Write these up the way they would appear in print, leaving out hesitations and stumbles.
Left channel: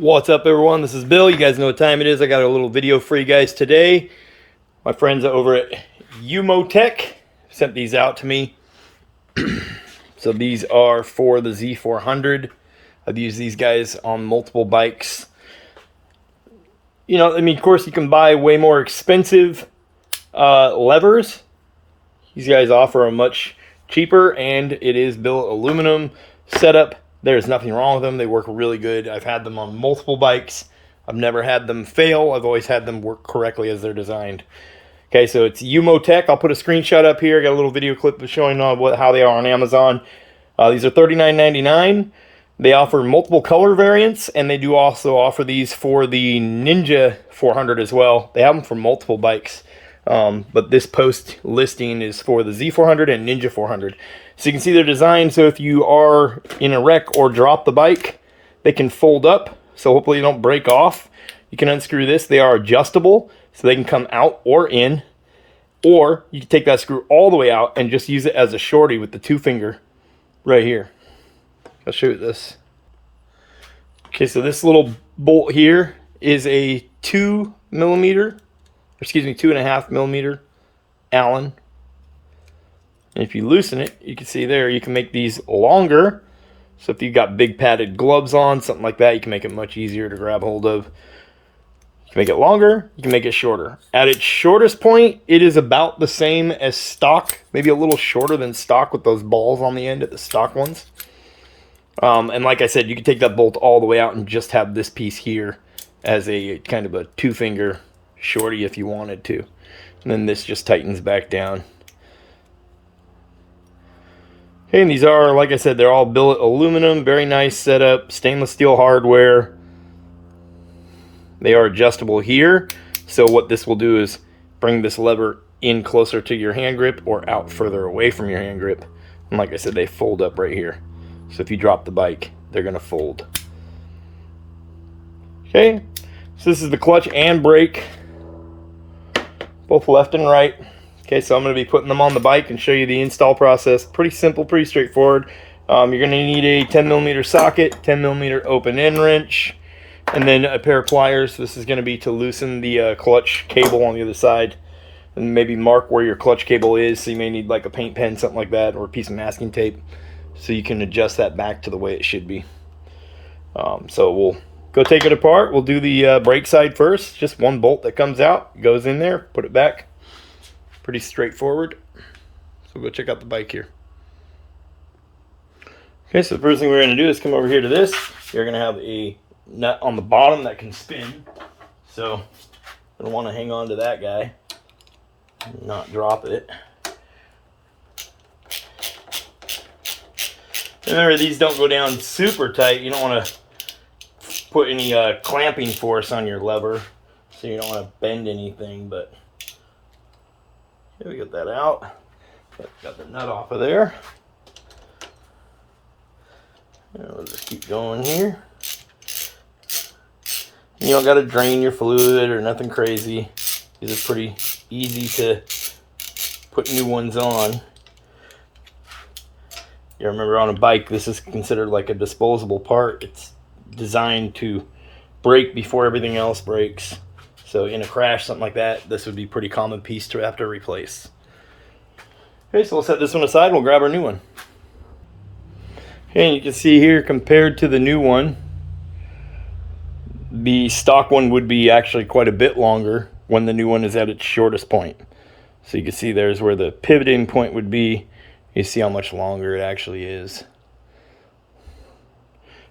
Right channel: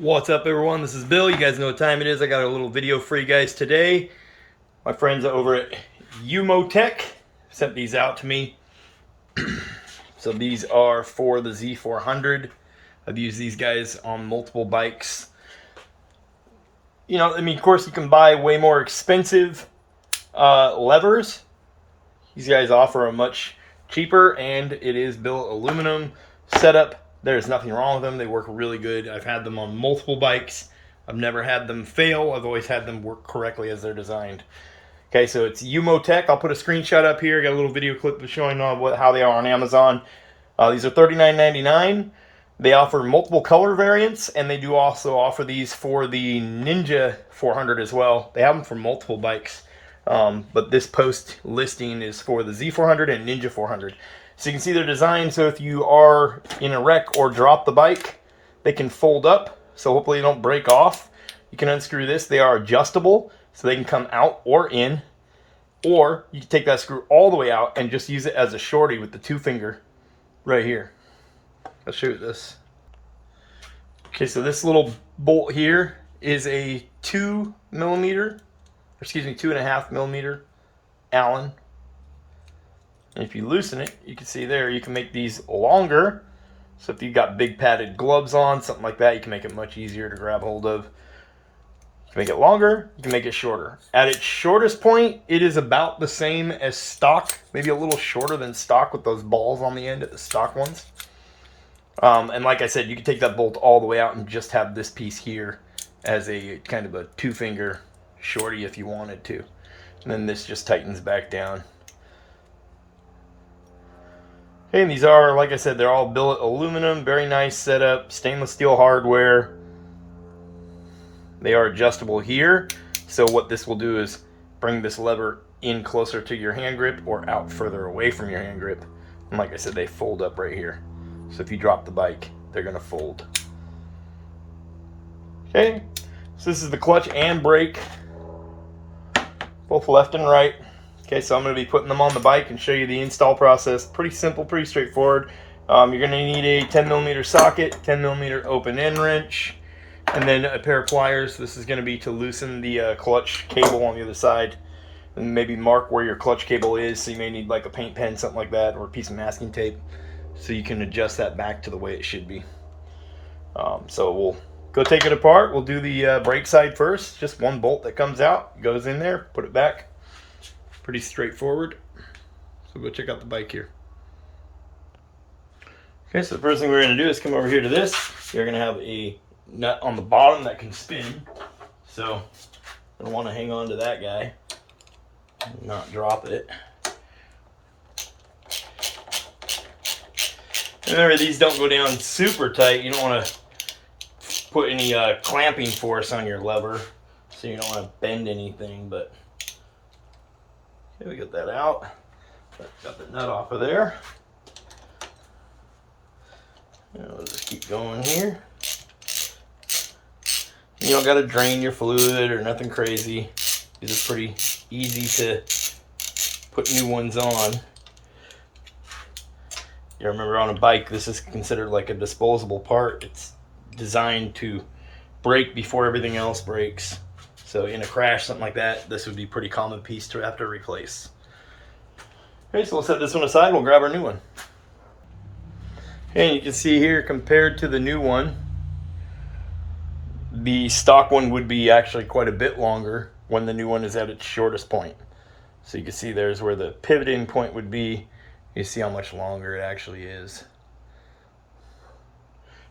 What's up, everyone? This is Bill. You guys know what time it is. I got a little video for you guys today. My friends over at Umotech sent these out to me. So these are for the Z400. I've used these guys on multiple bikes. You know, I mean, of course, you can buy way more expensive levers. These guys offer a much cheaper, and it is billet aluminum setup. There's nothing wrong with them. They work really good. I've had them on multiple bikes. I've never had them fail. I've always had them work correctly as they're designed. Okay, so it's Umotech. I'll put a screenshot up here. I got a little video clip showing how they are on Amazon. These are $39.99. They offer multiple color variants, and they do also offer these for the Ninja 400 as well. They have them for multiple bikes, but this post listing is for the Z400 and Ninja 400. So you can see their design. So if you are in a wreck or drop the bike, they can fold up. So hopefully you don't break off. You can unscrew this. They are adjustable, so they can come out or in. Or you can take that screw all the way out and just use it as a shorty with the 2-finger right here. I'll show you this. Okay, so this little bolt here is a 2.5 millimeter Allen. And if you loosen it, you can see there, you can make these longer. So if you've got big padded gloves on, something like that, you can make it much easier to grab hold of. You can make it longer, you can make it shorter. At its shortest point, it is about the same as stock, maybe a little shorter than stock with those balls on the end at the stock ones. And like I said, you can take that bolt all the way out and just have this piece here as a kind of a 2-finger shorty if you wanted to. And then this just tightens back down. Okay, and these are, like I said, they're all billet aluminum, very nice setup, stainless steel hardware. They are adjustable here, so what this will do is bring this lever in closer to your hand grip or out further away from your hand grip. And like I said, they fold up right here. So if you drop the bike, they're going to fold. Okay, so this is the clutch and brake, both left and right. Okay, so I'm going to be putting them on the bike and show you the install process. Pretty simple, pretty straightforward. You're going to need a 10mm socket, 10mm open end wrench, and then a pair of pliers. This is going to be to loosen the clutch cable on the other side, and maybe mark where your clutch cable is. So you may need like a paint pen, something like that, or a piece of masking tape, so you can adjust that back to the way it should be. So we'll go take it apart. We'll do the brake side first. Just one bolt that comes out, goes in there, put it back. Pretty straightforward. So go check out the bike here. Okay, so the first thing we're going to do is come over here to this. You're going to have a nut on the bottom that can spin. So I want to hang on to that guy and not drop it. Remember, these don't go down super tight. You don't want to put any clamping force on your lever, so you don't want to bend anything, but okay, we get that out. Got the nut off of there. And we'll just keep going here. You don't got to drain your fluid or nothing crazy. These are pretty easy to put new ones on. You remember, on a bike, this is considered like a disposable part. It's designed to break before everything else breaks. So in a crash, something like that, this would be a pretty common piece to have to replace. Okay, so we'll set this one aside and we'll grab our new one. Okay, and you can see here, compared to the new one, the stock one would be actually quite a bit longer when the new one is at its shortest point. So you can see there's where the pivoting point would be. You see how much longer it actually is.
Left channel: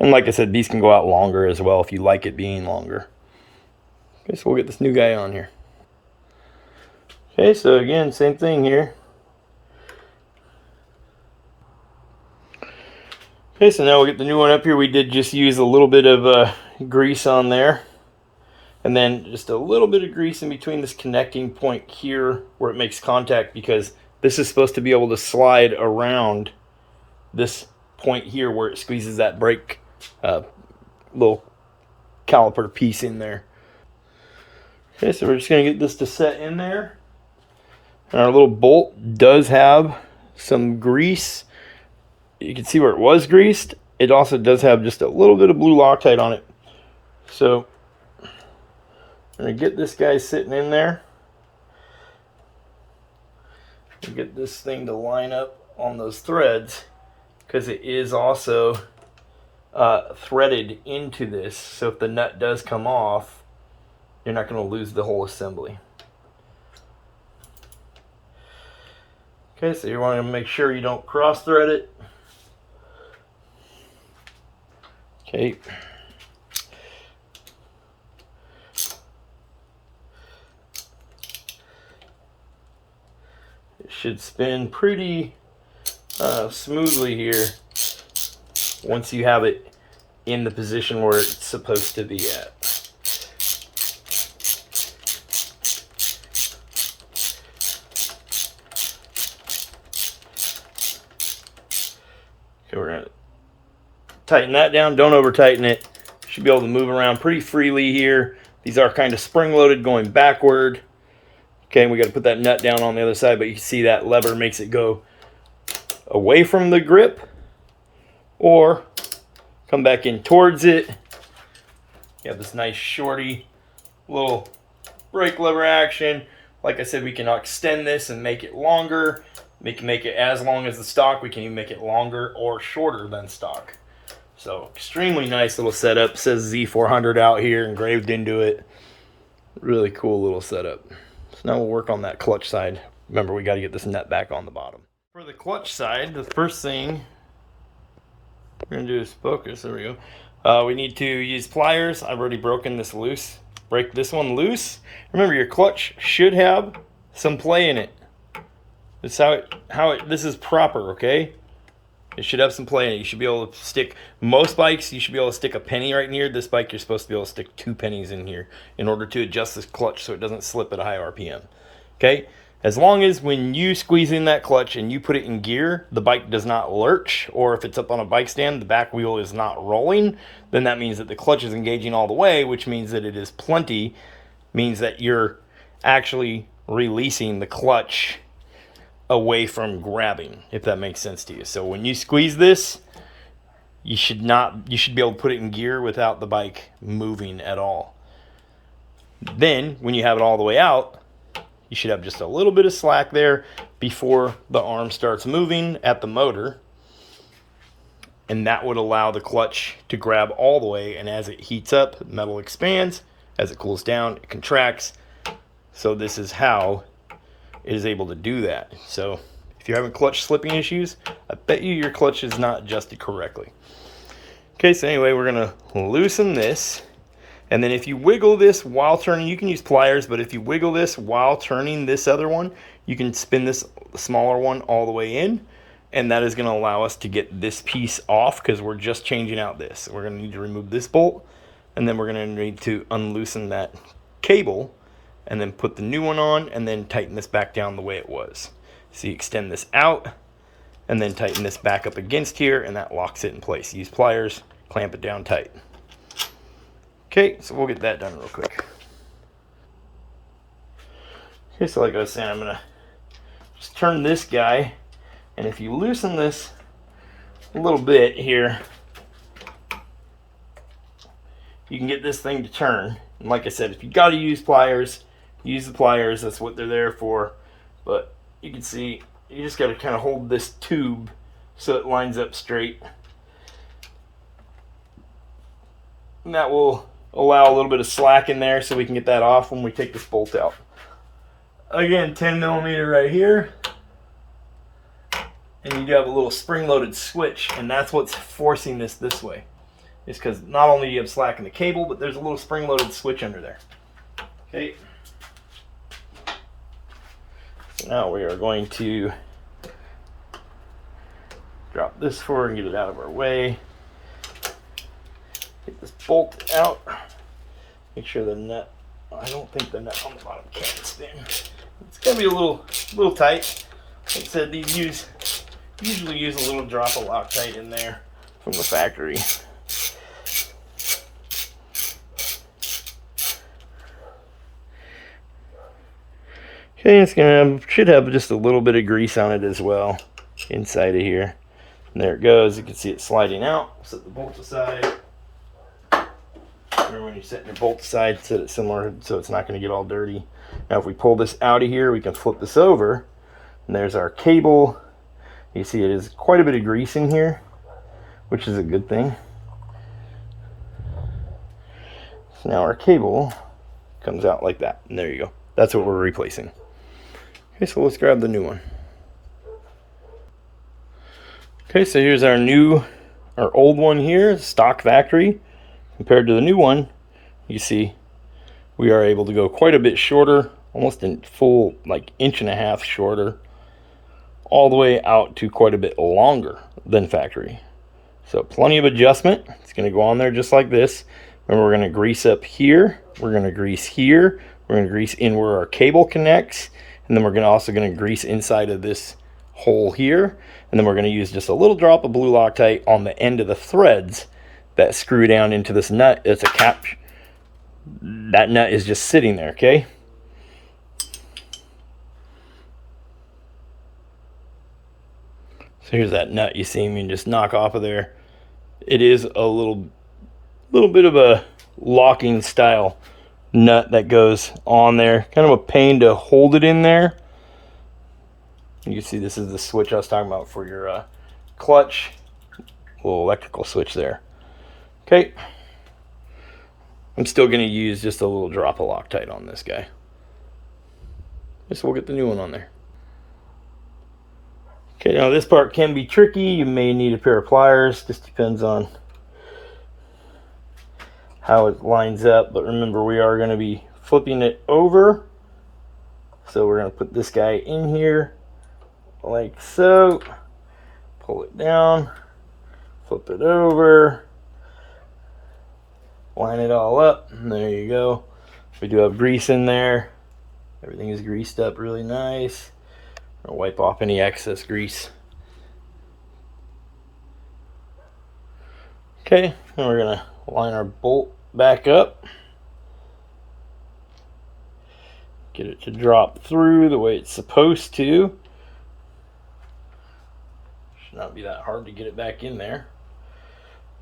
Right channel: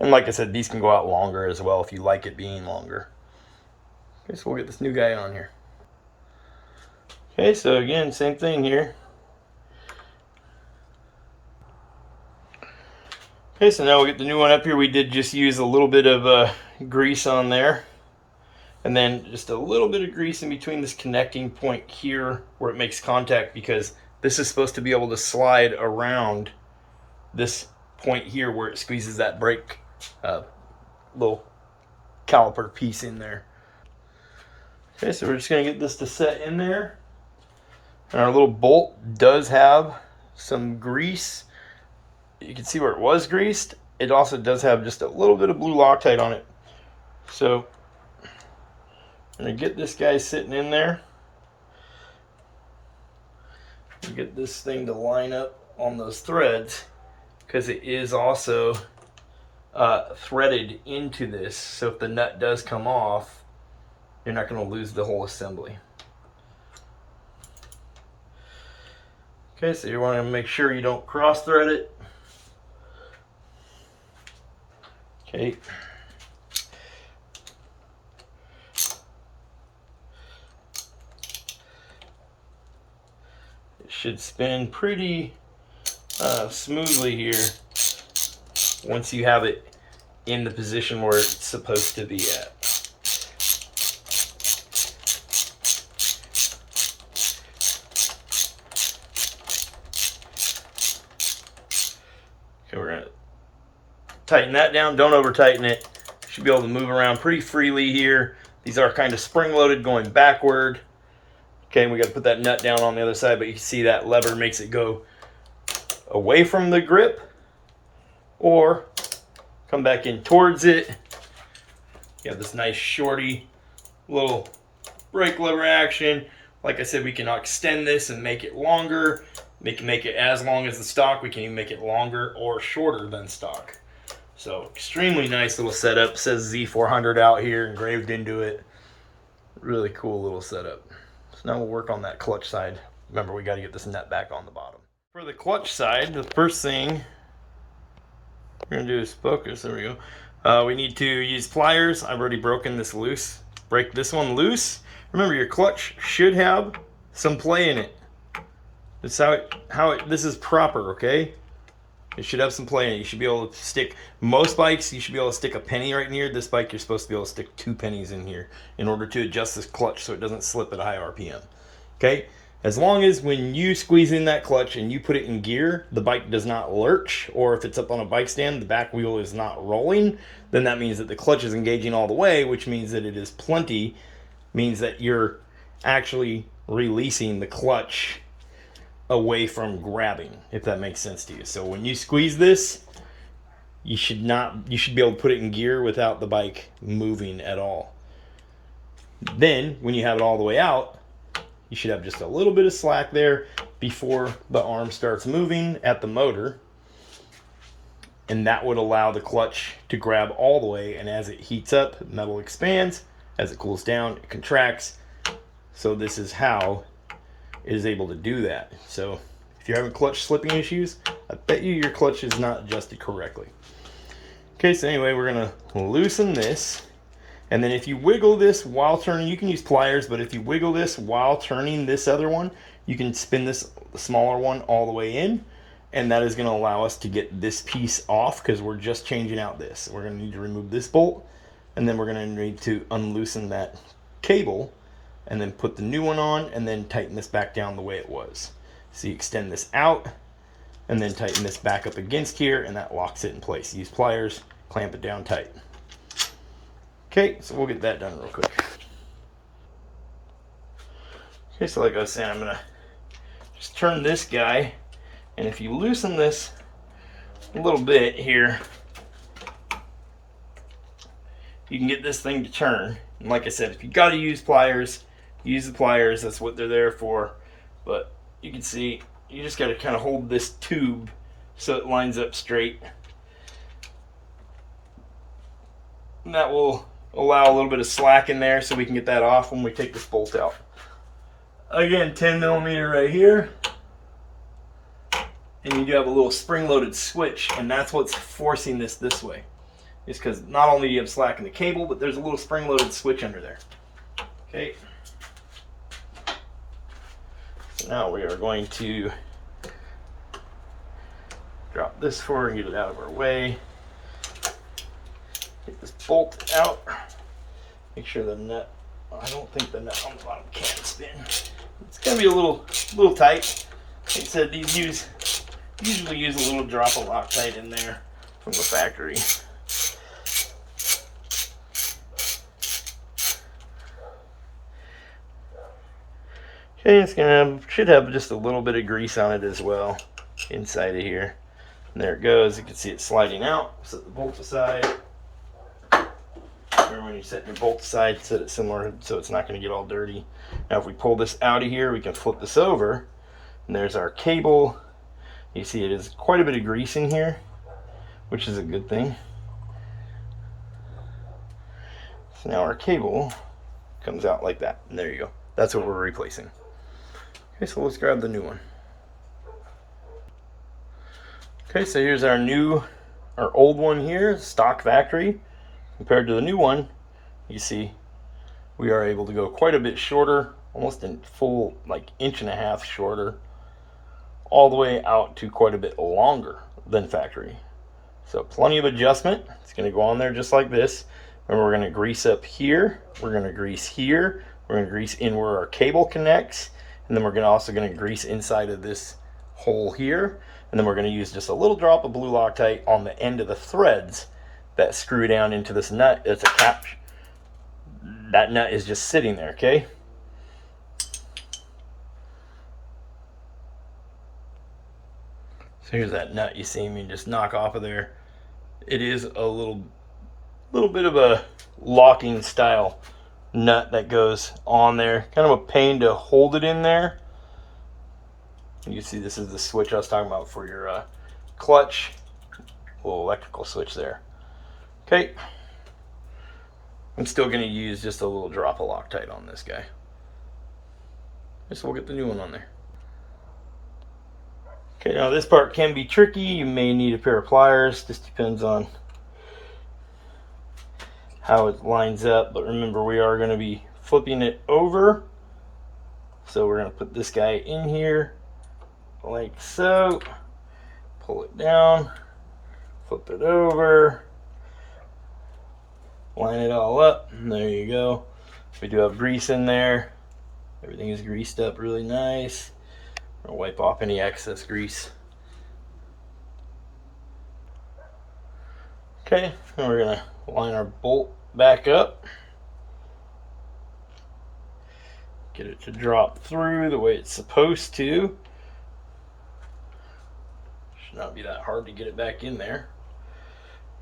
And like I said, these can go out longer as well if you like it being longer. Okay, so we'll get this new guy on here. Okay, so again, same thing here. Okay, so now we'll get the new one up here. We did just use a little bit of grease on there. And then just a little bit of grease in between this connecting point here where it makes contact, because this is supposed to be able to slide around this point here where it squeezes that brake little caliper piece in there. Okay, so we're just going to get this to set in there. And our little bolt does have some grease. You can see where it was greased. It also does have just a little bit of blue Loctite on it. So I'm gonna get this guy sitting in there. Get this thing to line up on those threads, because it is also threaded into this, so if the nut does come off, you're not going to lose the whole assembly. Okay, so you want to make sure you don't cross thread it. Okay. It should spin pretty smoothly here once you have it in the position where it's supposed to be at. Okay, we're going to tighten that down. Don't over tighten it. You should be able to move around pretty freely here. These are kind of spring loaded going backward. Okay, and we got to put that nut down on the other side, but you can see that lever makes it go away from the grip or come back in towards it. You have this nice shorty little brake lever action. Like I said, we can extend this and make it longer. We can make it as long as the stock. We can even make it longer or shorter than stock. So extremely nice little setup. It says Z400 out here engraved into it. Really cool little setup. So now we'll work on that clutch side. Remember, we got to get this nut back on the bottom. For the clutch side, the first thing we're going to do is focus. There we go. We need to use pliers. I've already broken this loose. Break this one loose. Remember, your clutch should have some play in it. This is this is proper, okay? It should have some play in it. You should be able to stick, most bikes, you should be able to stick a penny right in here. This bike, you're supposed to be able to stick 2 pennies in here in order to adjust this clutch so it doesn't slip at a high RPM. Okay? As long as when you squeeze in that clutch and you put it in gear, the bike does not lurch, or if it's up on a bike stand, the back wheel is not rolling, then that means that the clutch is engaging all the way, which means that it is plenty, means that you're actually releasing the clutch away from grabbing, if that makes sense to you. So when you squeeze this, you should be able to put it in gear without the bike moving at all. Then when you have it all the way out, you should have just a little bit of slack there before the arm starts moving at the motor, and that would allow the clutch to grab all the way, and as it heats up, metal expands. As it cools down, it contracts. So this is how it is able to do that. So if you're having clutch slipping issues, I bet you your clutch is not adjusted correctly. Okay, so anyway, we're gonna loosen this, and then if you wiggle this while turning, you can use pliers, but if you wiggle this while turning this other one, you can spin this smaller one all the way in, and that is gonna allow us to get this piece off, because we're just changing out this. We're gonna need to remove this bolt, and then we're gonna need to unloosen that cable, and then put the new one on, and then tighten this back down the way it was. So you extend this out, and then tighten this back up against here, and that locks it in place. Use pliers, clamp it down tight. Okay, so we'll get that done real quick. Okay, so like I was saying, I'm gonna just turn this guy, and if you loosen this a little bit here, you can get this thing to turn. And like I said, if you gotta use pliers, use the pliers. That's what they're there for. But you can see, you just gotta kind of hold this tube so it lines up straight. And that will allow a little bit of slack in there so we can get that off when we take this bolt out. Again, 10 millimeter right here. And you do have a little spring-loaded switch, and that's what's forcing this way. It's because not only do you have slack in the cable, but there's a little spring-loaded switch under there. Okay. So now we are going to drop this forward and get it out of our way. Get this bolt out. Make sure the nut, I don't think the nut on the bottom can spin. It's going to be a little tight. Like I said, these usually use a little drop of Loctite in there from the factory. Okay, it's should have just a little bit of grease on it as well inside of here. And there it goes. You can see it sliding out. Set the bolt aside. Remember when you set your bolt aside, set it similar so it's not going to get all dirty. Now if we pull this out of here, we can flip this over, and there's our cable. You see it is quite a bit of grease in here, which is a good thing. So now our cable comes out like that, and there you go. That's what we're replacing. Okay, so let's grab the new one. Okay, so here's our old one here, stock factory. Compared to the new one, you see we are able to go quite a bit shorter, almost in full like 1.5 inches shorter, all the way out to quite a bit longer than factory. So plenty of adjustment. It's going to go on there just like this, and we're going to grease up here, we're going to grease here, we're going to grease in where our cable connects, and then we're also going to grease inside of this hole here, and then we're going to use just a little drop of blue Loctite on the end of the threads that screw down into this nut. It's a cap. That nut is just sitting there, okay? So here's that nut you see me just knock off of there. It is a little bit of a locking style nut that goes on there. Kind of a pain to hold it in there. You can see this is the switch I was talking about for your clutch. Little electrical switch there. Okay, I'm still going to use just a little drop of Loctite on this guy. So we'll get the new one on there. Okay, now this part can be tricky. You may need a pair of pliers. Just depends on how it lines up. But remember, we are going to be flipping it over. So we're going to put this guy in here like so. Pull it down. Flip it over. Line it all up, and there you go. We do have grease in there. Everything is greased up really nice. I'll wipe off any excess grease. Okay, and we're gonna line our bolt back up. Get it to drop through the way it's supposed to. Should not be that hard to get it back in there.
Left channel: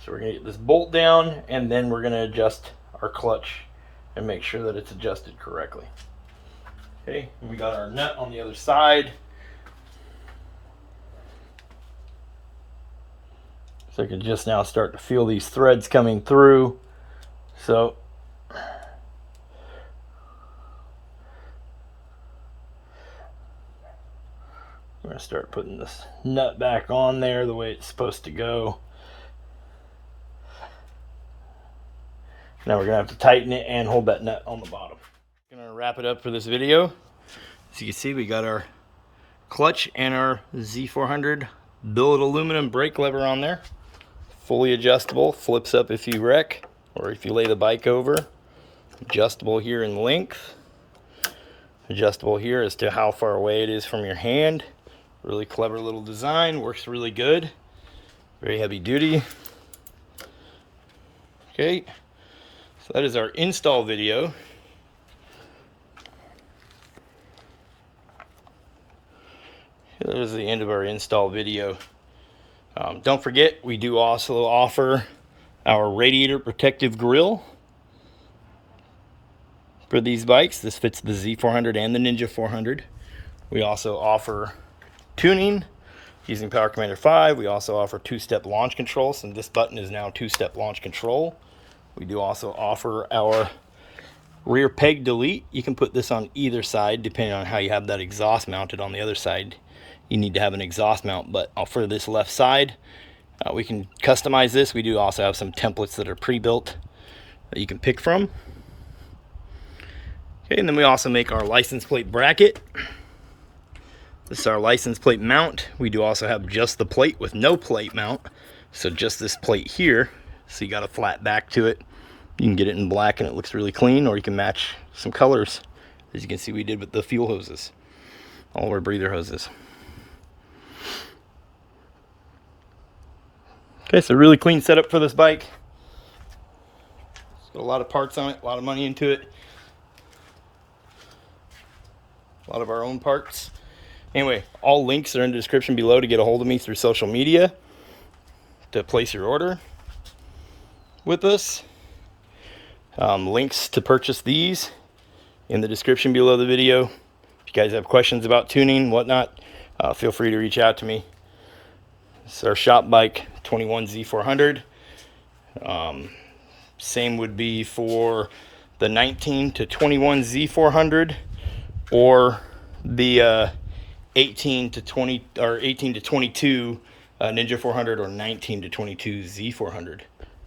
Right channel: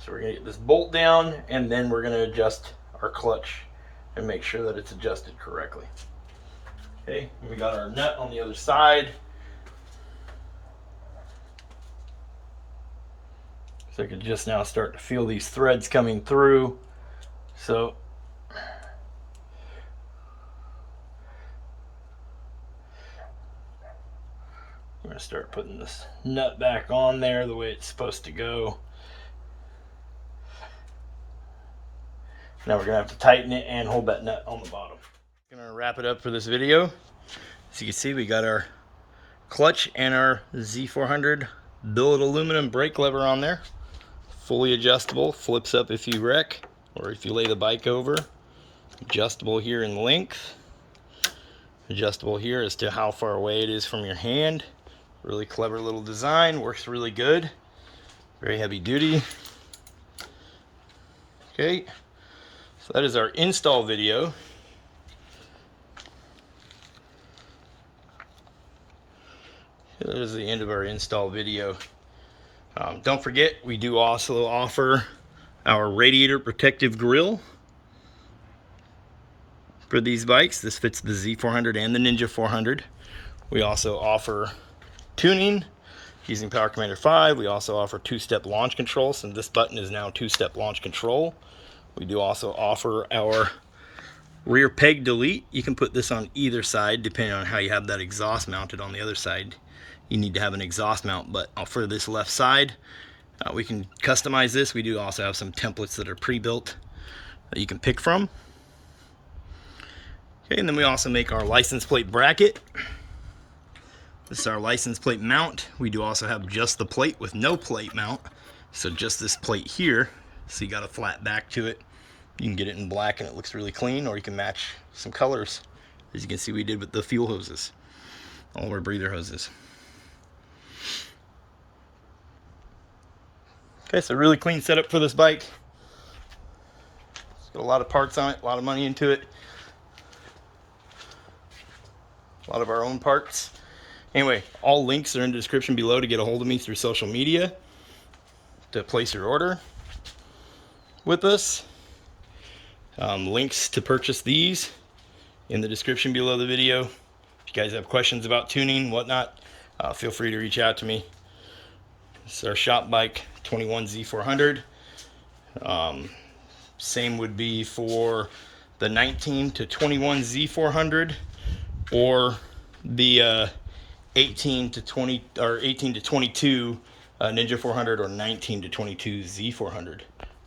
So we're going to get this bolt down, and then we're going to adjust our clutch and make sure that it's adjusted correctly. Okay, and we got our nut on the other side. So I can just now start to feel these threads coming through. So I'm going to start putting this nut back on there the way it's supposed to go. Now we're going to have to tighten it and hold that nut on the bottom. I'm going to wrap it up for this video. As you can see, we got our clutch and our Z400 billet aluminum brake lever on there. Fully adjustable, flips up if you wreck or if you lay the bike over. Adjustable here in length. Adjustable here as to how far away it is from your hand. Really clever little design, works really good. Very heavy duty. Okay. So that is our install video. That was the end of our install video. Don't forget, we do also offer our radiator protective grille for these bikes. This fits the Z400 and the Ninja 400. We also offer tuning using Power Commander 5. We also offer 2-step launch control, so this button is now 2-step launch control. We do also offer our rear peg delete. You can put this on either side depending on how you have that exhaust mounted. On the other side you need to have an exhaust mount, but for this left side we can customize this. We do also have some templates that are pre-built that you can pick from. Okay, and then we also make our license plate bracket. This is our license plate mount. We do also have just the plate with no plate mount, so just this plate here. So you got a flat back to it. You can get it in black and it looks really clean, or you can match some colors, as you can see we did with the fuel hoses, all of our breather hoses. Okay, so really clean setup for this bike. It's got a lot of parts on it, a lot of money into it, a lot of our own parts. Anyway, all links are in the description below to get a hold of me through social media to place your order with us. Links to purchase these in the description below the video. If you guys have questions about tuning, whatnot, feel free to reach out to me. This is our shop bike, 21 Z400. Same would be for the 19 to 21 Z400 or the 18 to 20 or 18 to 22 Ninja 400 or 19 to 22 Z400.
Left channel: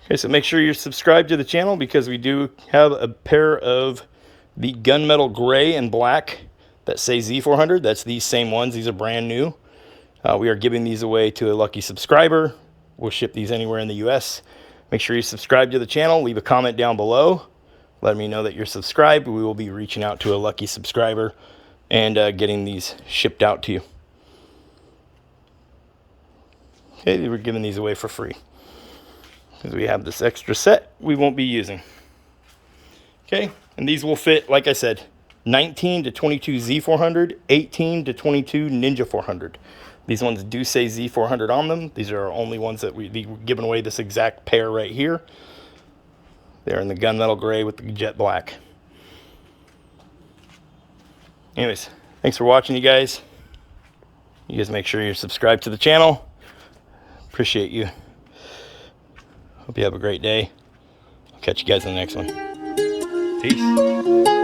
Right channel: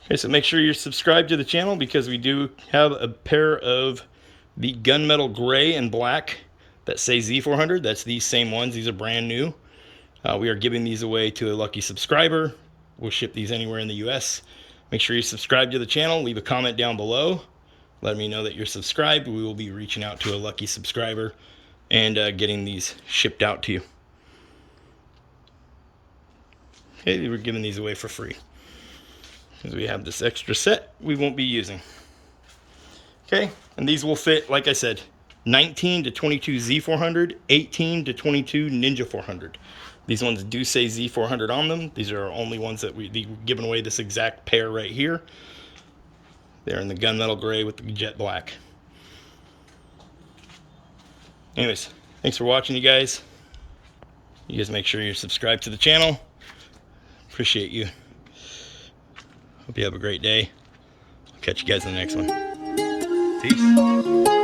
Okay, so make sure you're subscribed to the channel because we do have a pair of the gunmetal gray and black that say Z400. That's these same ones. These are brand new. We are giving these away to a lucky subscriber. We'll ship these anywhere in the US. Make sure you subscribe to the channel. Leave a comment down below. Let me know that you're subscribed. We will be reaching out to a lucky subscriber and getting these shipped out to you. Okay, we're giving these away for free because we have this extra set we won't be using. Okay, and these will fit, like I said, 19 to 22 Z400, 18 to 22 Ninja 400. These ones do say Z400 on them. These are our only ones that we're giving away, this exact pair right here. They're in the gunmetal gray with the jet black. Anyways, thanks for watching, you guys. You guys make sure you're subscribed to the channel. Appreciate you. Hope you have a great day. I'll catch you guys in the next one. Peace.